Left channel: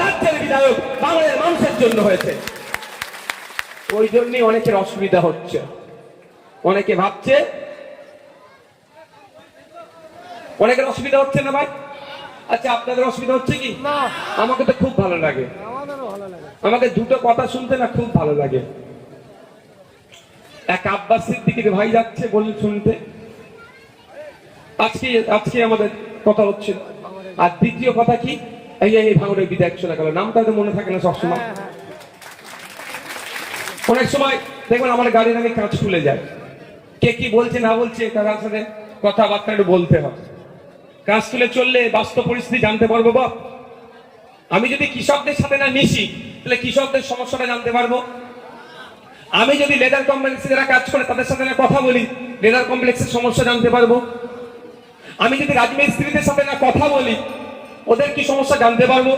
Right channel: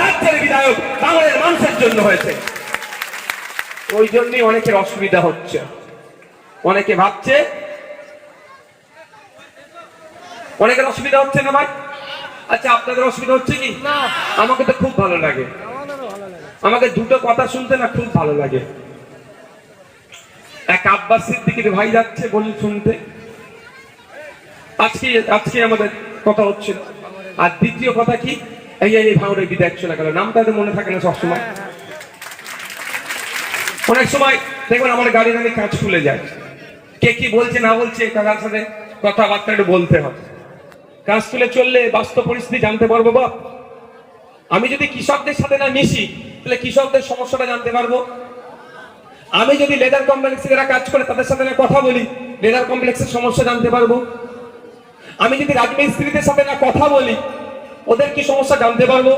রাজ্যের বিধায়ক এখন মানুষের জন্য হয়েছে। ওই জন্যই অনেকের অসুবিধা হচ্ছে। অনেকে ভাবছে, অনেকের অসুবিধা হচ্ছে না ভাই? আচ্ছা আপনাদের অসুবিধা হচ্ছে কি? আমাকে তো খুব ভালো লাগে। আমাকে দুটো কথা শুনতে না খুব ভালো লাগে। এক আব্বাস সিদ্দিকির ভাই যাচ্ছে বলুন শুনতে। আজকে আজকে আমাদের কথা হচ্ছে। আর দ্বিতীয় কথা কি? এই এই ভাঙড়ের বিদায় শোনা গেল। নামটা তো মনে থাকে না সবসময়। হ্যাঁ হ্যাঁ। অনেক সময় দেখবেন আমার গাড়ির আগে কাঁচ খুলে যায়। কে কি বলছে না বলছে তার সাথে কথাবার্তা একটু বলতে হবে কাঁচ তুলে চললে বাস্তব পরিস্থিতি জানতে পারব বা আমি যদি কৃষকদের সাথে না মিশি, তাহলে কৃষকদের সমস্যাটা জানতে পারব। আমি যদি লেদার কমপ্লেক্সে যারা কাজ করে, তাদের সাথে কথা বলি, লেদার কমপ্লেক্সের সমস্যা জানতে পারব। আমি যদি রাজমিস্ত্রিদের সাথে না কথা বলি, ওদের কি সমস্যা জানতে পারব?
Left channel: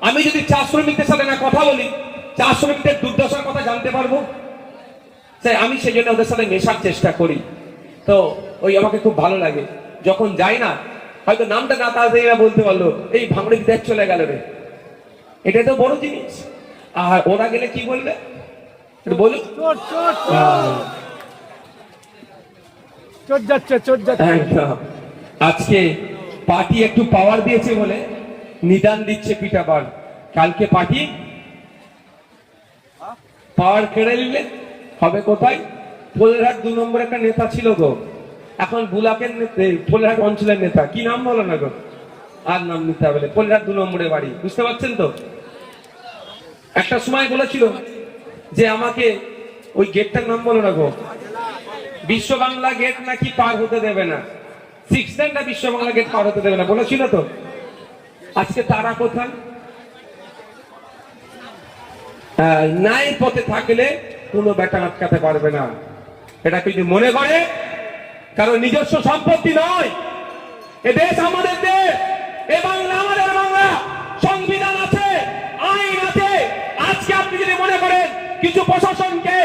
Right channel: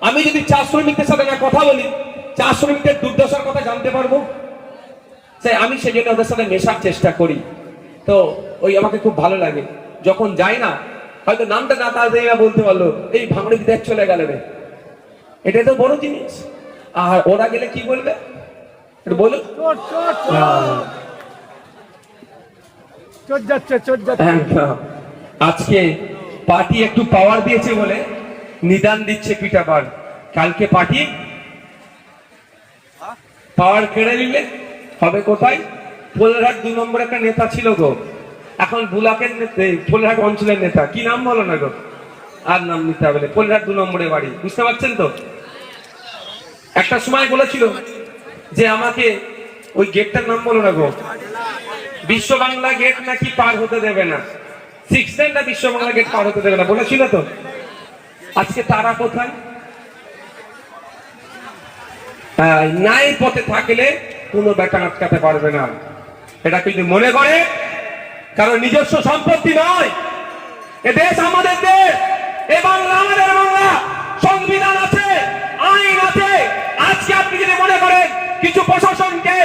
আমি যদি চা শ্রমিকদের সাথে না কথা বলি, চা শ্রমিকদের দুর্দশার কথা জানতে পারব? তাই আমি সেই জন্য ওদের সাথে মেশার চেষ্টা করি। তো ওই আমাকে খুব ভালো লাগে। যখন যাই না হয়তো নামটা না তাড়াতাড়ি বলতে পারল এই ভাঙড়ি দেখ চলে গেল রে। এটা তো বড় জিনিস। আর ওরা গেলে কি বলবে? বলুন। যাচ্ছে একদম। আজকে পার্টি একটু পাওয়ার দিয়েছে বলে নিদান দিচ্ছে পিঠা পান কালকে পার্টি? পাওয়ার কেড়ে নিলে হবে কোথায়? ফুলেরহাট দু নম্বর একটা নেতা ছিল গো। এখন বুলাকের নেতা, ফুলেরহাট অঞ্চলের নেতা, কি নাম বলো না গো? আর নাম নিতে হবে না। ফুলেরহাট দু নম্বরের বাড়ি, বুঝতে পারছেন তো? একটা সময় বলেছিল যে আমাকে ওই গেটটার নাম বলো না গো? বিশ্ব বাংলা গেট নাকি পার হতে দেবে না। সিক্স বিশ্ব বাংলা গেট পার হতে দেবে না, বলেছিল তো? আজকে তারা কোথায়? ন্যায় পথে থাকলে কোনো বেটা আটকাতে পারবে না। এটা কিন্তু মনে করে কারণ নিজস্ব সম্পত্তি নয়। এ দেশ আমাদের দেশ। এ বাংলা আমাদের বাংলা। সংবিধান আছে, আইন আছে। আজকে আপনি যদি মনে করেন কিছু প্রশাসনকে,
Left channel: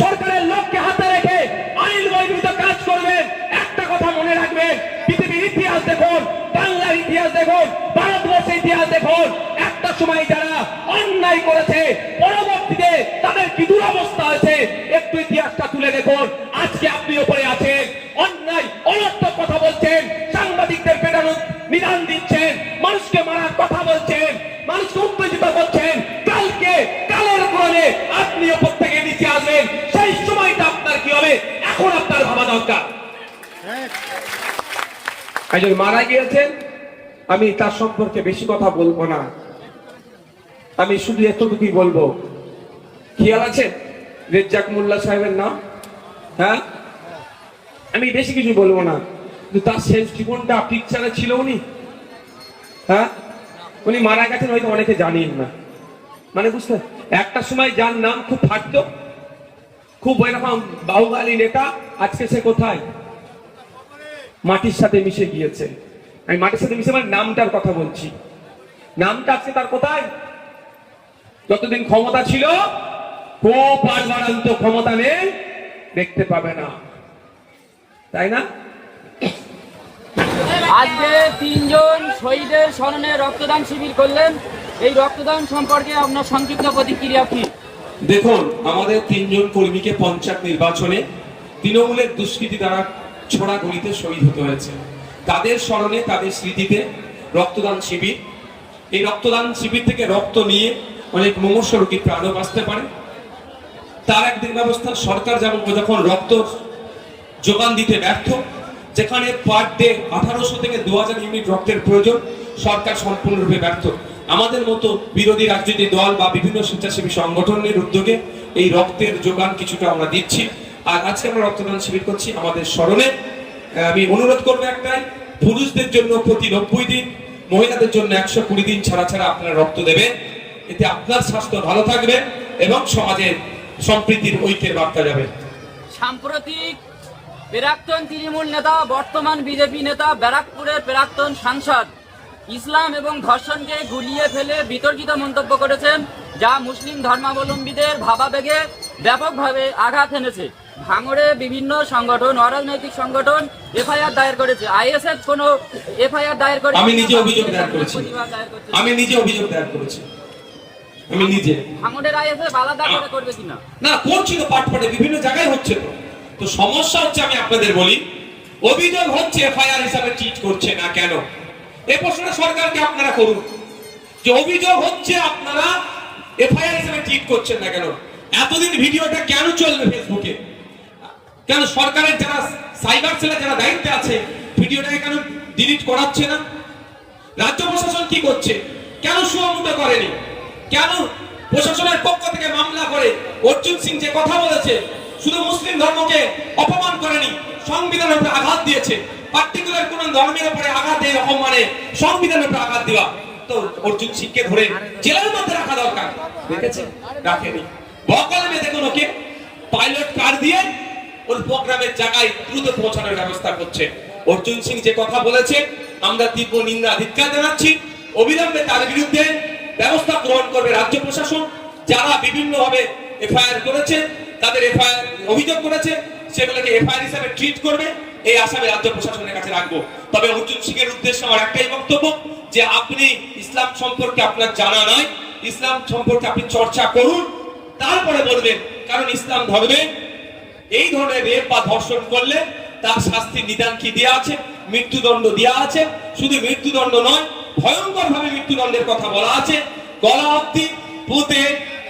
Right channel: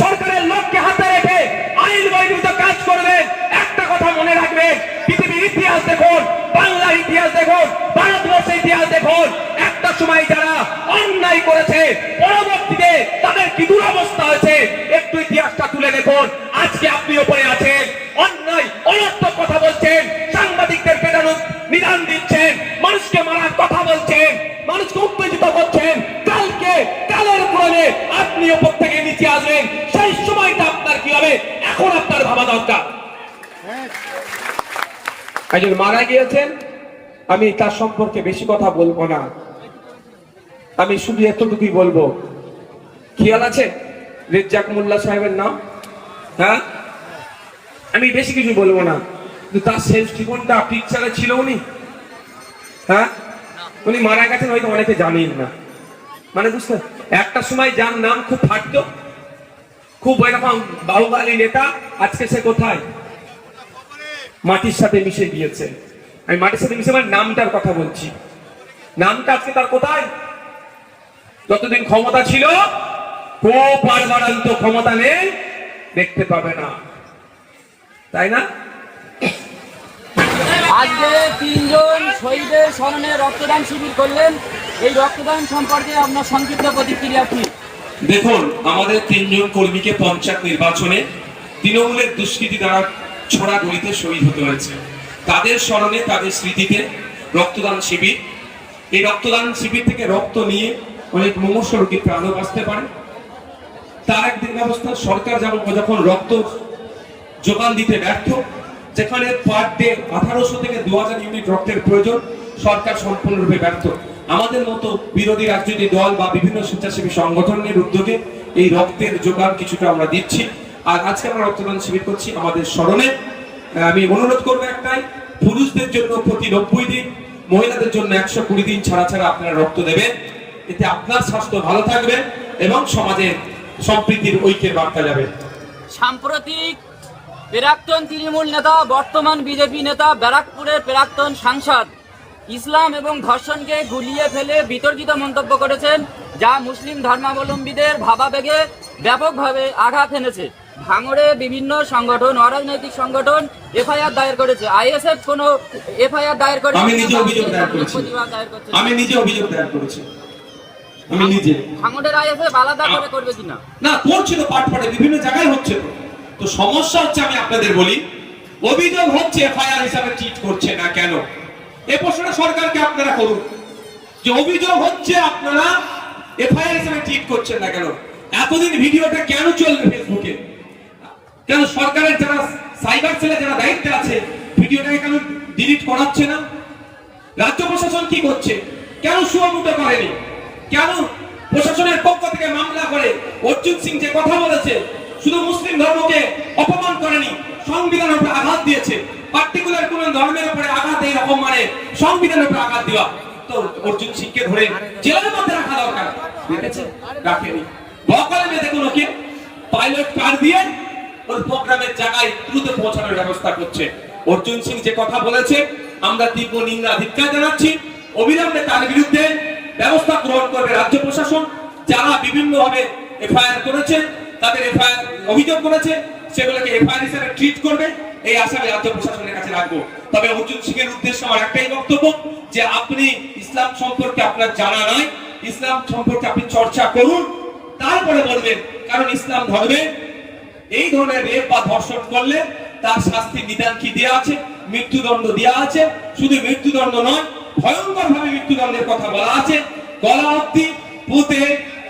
সরকারের লোককে হাতে রেখে আইন বহির্ভূত কাজ করবেন, একটা কথা মনে রাখবেন, পৃথিবীর ইতিহাস দেখুন, বাংলার ইতিহাস দেখুন, ভারতবর্ষের ইতিহাস দেখুন। একটা সময় যারা অন্যায় করেছে, পরবর্তীতে তাদের কি দুরবস্থা আছে, একটু ইতিহাসটা তুলে দেখুন। আজকে আপনি ওপরে আছেন অন্যায়, অনর্থক কথা বলছেন, সাংবাদিকদের পেটানো নিদান দিচ্ছেন, মানুষকে মারার কথা বলছেন, মানুষকে উত্তেজিত করছেন। কালকে কালের ক্রমে আপনি ওপর থেকে নিচে আসবেন, সেই সময়টা আপনার কি হবে? এখন আপনার ভাবা দরকার। একজন মারা গিয়েছেন, আমি তার সম্পর্কে বেশি কথা বলব না। আমি শুধু এতটুকুই বলব। খেয়াল আছে? রেজ্জাক মোল্লা সাহেবের নাম? হ্যাঁ? আমি বেশি কিছু বলব না। কিন্তু তার শেষ জীবনটা পিকচারে ছিল উনি। হ্যাঁ? উনি মারা গেছেন হয়তো অনেকে জানেন না। মানে বুঝতে একটা সময় যার নাম খুব ফাটতো। খুব এরকম বাহুবালী নেতা, আজকে সে কোথায়? মাটির সাথে মিশে গিয়েছে। আমি মাটির সাথে মিশে আমার নামটার কথা বলছি। নামটা আজকে তার কোথায়? যতদিন ক্ষমতা ছিল খুব বারবারান্ত ক্ষমতা নেই, দেখতে পাবে না। তাই না? আজকে তিনজন শহীদের স্মরণে রক্তদান শিবির করলেন। এই রক্তদান সম্পর্কে আপনার সংক্ষিপ্ত প্রতিক্রিয়া কি? দেখুন আমাদের তিনজন কর্মীকে পঞ্চায়েত নির্বাচনে তৃণমূলের দুষ্কৃতি দ্বারা ছোড়া গুলিতে শহীদ হতে হয়েছে। তাদের স্মরণে তাদের স্মৃতিতে রক্তদান শিবির। এই রক্তদান শিবির থেকে রক্ত নিয়ে অনেক মুমূর্ষ রোগীর প্রাণও বাঁচতে পারে। তার একদিন ব্যবস্থা সরকার যেমন যখন রক্ত যোগান দিতে ব্যর্থ। যেখানে পার ডে আঠারোশো থেকে দু হাজার ইউনিট রক্তের প্রয়োজন, সরকার সম্পূর্ণরূপে ব্যর্থ। আমাদের মতো বিরোধী রাজনৈতিক দল বা বিভিন্ন স্বেচ্ছাসেবী সংগঠনের উদ্যোগে এই রক্তের যোগান কিছুটা আমরা দিচ্ছি। আর আজকে আমরা রক্তদান শিবির করছি আমাদের স্মরণে। আমি অনুরোধ করব একটাই, পুরুষদের জন্য প্রতি নব্বই দিন, মহিলাদের জন্য একশো কুড়ি দিন ছাড়া ছাড়া আপনারা রক্ত দেবেন। এতে আপনার স্বাস্থ্য ভালো থাকবে এবং সমাজে সম্প্রীতির ঐক্যের বার্তা যাবে। সাম্প্রতিক প্রাক্তন তৃণমূল নেতা বর্তমান বিজেপি নেতা ব্যারাকপুরের প্রাক্তন সাংসদ। ইসলাম এবং ধর্ষণকে গুলিয়ে ফেলে বিতর্কিত মন্তব্য করেছেন যা মুসলিম ধর্মাবলম্বীদের ভাবাবেগে ব্যাপকভাবে আঘাত এনেছে। ভাঙড়ে বিভিন্ন সংগঠন অরাজনৈতিক সংগঠন এফআইআর দায়ের করেছে। আইএসএফ কোনো এফআইআর দায়ের করেছে আমি নিজে অভিযোগ দায়ের করেছি। আমি নিজে অভিযোগ দায়ের করেছি। আমি নিজে। ভাঙড়ের আইএসএফ আলাদা করে করবে কিনা? না করছি তো পাঠ পড়ে বিভিন্ন জায়গায় হচ্ছে তো সমস্যা হচ্ছে আমি আপনাদের বলি, অভিযোগ হচ্ছে এফআইআর হিসাবে ট্রিট করছে না কেন? এই প্রশ্নটা সরকারকে আপনারা করুন। যে অভিযোগ হচ্ছে আপনারা এফআইআর হিসাবে ট্রিট করছেন না কেন? এতদিন ভিডিওটা কেন চলবে ফেসবুকে? কেন সরকারের যারা সাইবার সেলে যারা দায়িত্বে আছে, ভিডিওটাকে কেন ডিলিট করাচ্ছে না? রাজ্য প্রশাসন কি করছে? কেন সুয়ামুক্ত করেনি? কেন প্রশাসনের পক্ষ থেকে মামলা করে? অর্জুন সিং যে কথা বলেছে শুধু মুসলিম ধর্মকে অপমান করেনি, সংবিধানের উপরে আঘাত দিয়েছে। পার্টিকুলার কোন ধর্মের উপরে আঘাত দেয়, অপমানে সংবিধানের উপরে আঘাত দেওয়া। তো অর্জুন সিংকে ধরে জেলের মধ্যে রাখা দরকার। দেখেছে রাখেনি। বকালে বেঁধে পাইলট কার দিয়ে প্রোগ্রামের জায়গায় দ্রুত পৌঁছানোর ব্যবস্থা করছে। অর্জুন সিং যে কথা বলেছে, আমরা তীব্র নিন্দা ধিক্কার জানাচ্ছি। অবিলম্বে তার বিরুদ্ধে ব্যবস্থা গ্রহণ করবে রাজ্য প্রশাসন। যারা বিভিন্ন ভাবে এফআইআর করেছে, তাদের এফআইআর অভিযোগ করেছে, সেগুলোকে এফআইআর হিসেবে ট্রিট করবে। এই আশাবে রাজ্য প্রশাসনের কাছে রাখব। তবে অর্জুন সিং এর উদ্দেশ্যে আমার একটাই বক্তব্য যে আপনি ইসলাম সম্পর্কে আপনার জানা নয়, ইসলাম সম্পর্কে আপনি চর্চা করুন, তারপরে বলবেন, কারণ ইসলাম ধর্মে এই ধরনের রেপ বা ধর্ষণ করলে তার শাস্তির নিদান কি দেওয়া আছে? মৃত্যুদণ্ড দেওয়া আছে। শুধু মৃত্যুদণ্ড নয় ভয়ঙ্কর ভাবে মৃত্যুদণ্ডের কথা বলা আছে। গলা অব্দি পুঁতে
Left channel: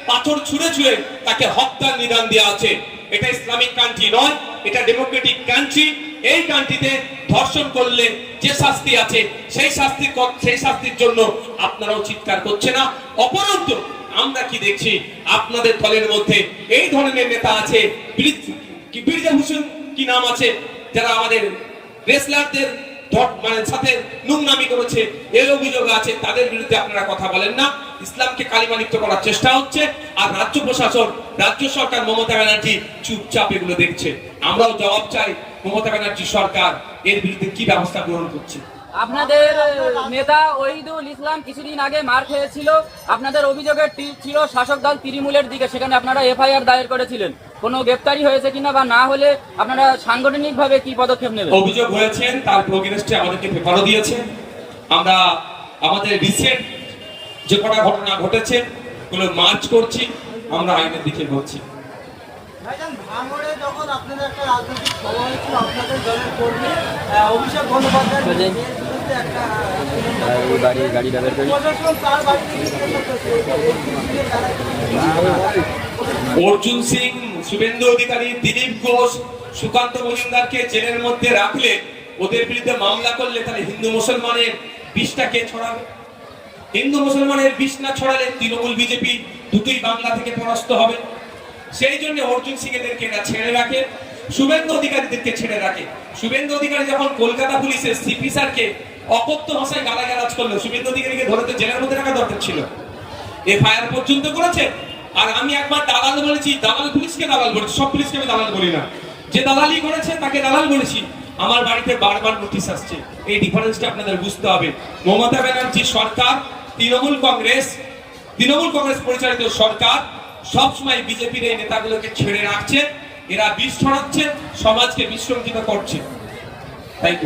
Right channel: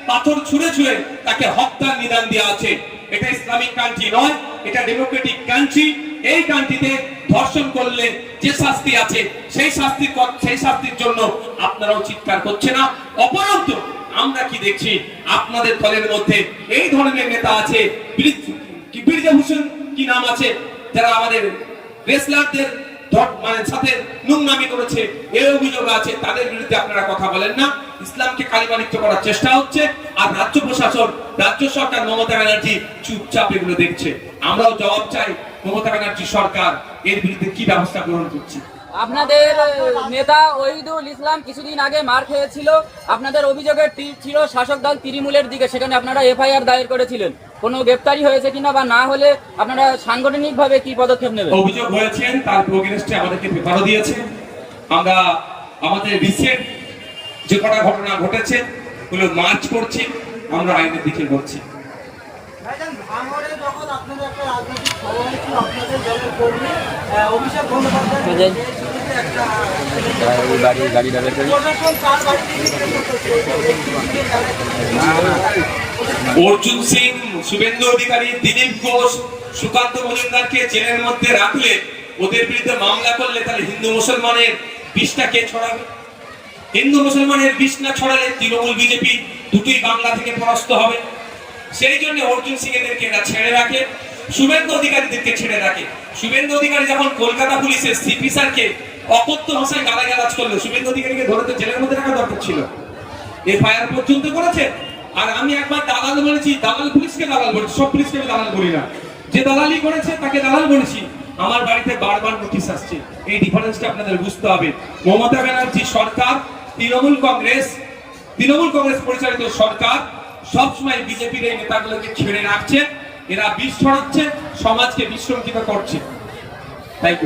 পাথর ছুঁড়ে ছুঁড়ে তাকে হত্যার নিদান দেওয়া আছে। এটা ইসলামিক কান্ট্রি নয়, এটা ডেমোক্রেটিক কান্ট্রি এই কান্ট্রিতে ধর্ষণ করলে যে শাস্তি আছে, সেই শাস্তির ক- সেই শাস্তির জন্য আপনারাও চিৎকার করছে না। অপরন্ত আমরা কি দেখছি, আপনাদের দলের মধ্যে এই ধরনের নেতা আছে, বীর- কি নাম আছে, যারা আমাদের রেসলারদের মানে সাথে নোংরামি করেছে, এই অভিযোগ আছে, তাদের বিরুদ্ধে আপনারা কথা বলেন না। ইসলামকে কালিমালিপ্ত করার চেষ্টা হচ্ছে আর রাজ্য প্রশাসন রাজ্য সরকার মমতা ব্যানার্জি চুপচাপ এগুলো দেখছে। আমরাও জবাব চাই মমতা ব্যানার্জি সরকার এর বিরুদ্ধে কি ব্যবস্থা গ্রহণ করছে। আপনাদের নেতা ওহিদুল ইসলাম কিছুদিন আগে মার খেয়েছিল। আপনাদের অভিযোগের ছিল শাসক দল তৃণমূলের দিকে সেখানে আপনারা এফআইআর দায়ের করেছিলেন। কোনো গ্রেপ্তারি হয়েছে কিনা বা না হলে আপনারা সাংগঠনিকভাবে কি পদক্ষেপ নেবেন? অভিযোগ হয়েছেন তার প্রোগ্রেসটি আমাদেরকে পেপারও দিয়েছে। আমরা আমাদের রিসেন্ট যে কটা ঘটনা ঘটেছে গুলো মার্চ করছি আমরা আইনের দিকে বাড়িতে অর্জুন সিং শুভেন্দু অধিকারী দিলীপ ঘোষ সুকান্ত মজুমদারকে জেলের মধ্যে রাখলে ওদের বিরুদ্ধে মামলা করলে তাহলে হিন্দু মুসলমানের বিষটা কে ছড়াবে। হিন্দু মুসলমানের বিষ না ছড়ালে তৃণমূল বিজেপি দুটোই বাংলা থেকে পরাস্ত হবে। সেই জন্য অর্জুন সিং এদেরকে এরা ছেড়ে রাখে, শুভেন্দু অধিকারীদেরকে ছেড়ে রাখে। শুভেন্দু অধিকারী যখন কলকাতা পুলিশের সিপি স্যারকে অকথ্য ভাষায় গালাগালাজ করল, শুভেন্দু অধিকারীকে ধরে তো জেলের মধ্যে রাখা দরকার ছিল। এফআইআর পর্যন্ত করেছে, আর আমি একবার দালাল বলেছি, দালাল পুলিশকে দালাল বলেছি, সব পুলিশকে আমি দালাল বলি না। যে দালালি করেছে, তাকে দালাল বলেছি। আমার বাড়িতে বারবার নোটিশ আসছে। এই ডিফারেন্সটা আপনাদের বুঝতে হবে। মমতা ব্যানার্জি সরকার তৃণমূল কংগ্রেস তৃণমূল কংগ্রেস পরিচালিত সরকার সবসময় বিজেপির এই নেতাগুলোকে ছেড়ে রাখছে, এরা বিষ ছড়াচ্ছে সমাজকে বিশৃঙ্খলিত করছে। তাই